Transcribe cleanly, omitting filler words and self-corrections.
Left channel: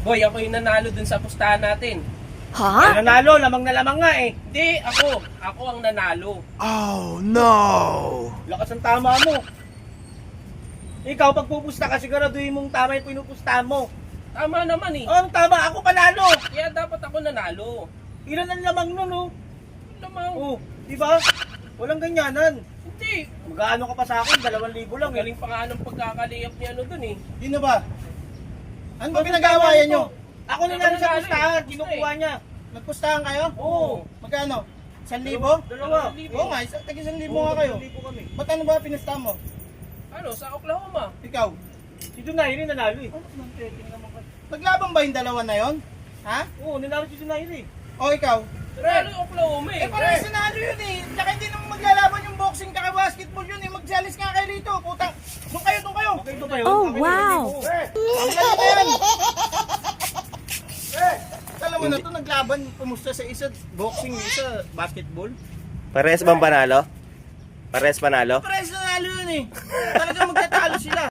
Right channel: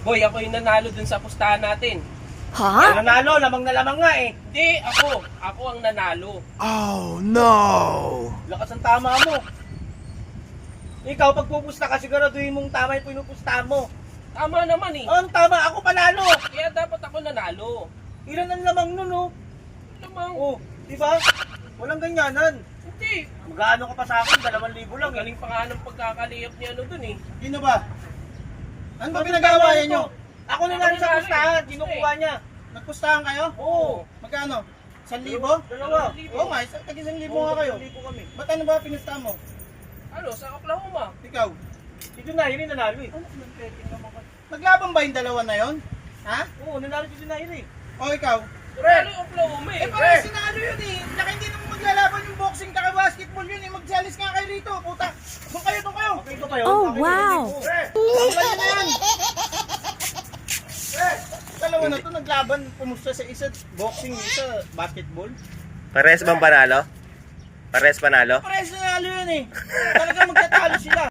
Boy, ako yung nanalo dun sa pustahan natin. Huh? Nanalo, lamang na lamang nga eh. Hindi, ako. Ako ang nanalo. Oh no! Lakas ang tama mo. Ikaw, pag pupusta ka, siguraduhin mong tama yung pinupustahan mo. Tama naman eh. Oh, anong tama? Ako panalo. Kaya dapat ako nanalo. Ilan ang lamang nun, oh. Lamang. Oh, di ba? Walang ganyanan. Hindi. Mag-aano ka pa sa akin? 2,000 lang. Galing pa nga ng pagkakaliyap ni ano dun eh. Yun na ba? Ano ba pinag-aawayan nyo? Ako na Ako lang sa nanalo pustahan. eh. Kinukuha niya. Nagpustahan kayo? Oo. Magkano? 1,000? Dalawa. Oo nga, tag-1,000 nga kayo. kami. Ba't ano ba pinustahan mo? Ano, sa Oklahoma. Ikaw? Si Junairi nanalo eh. Naglaban ba yung dalawa na yon? Ha? Oo, nanalo si Junairi. O ikaw? Ano yung Oklahoma eh? Eh parang sinalo yun eh. Tsaka hindi naman maglalaban yung boxing kaka basketball yun eh. Magsalis nga kayo rito. Puta. Doon kayo, doon kayo. Doon kayo. Oh, wow. Dalawa na to naglaban. Kumusta sa isa boxing, isa basketball. Pares bang panalo? Pares panalo? Pares nanalo yun eh. Talaga magtatalo sila.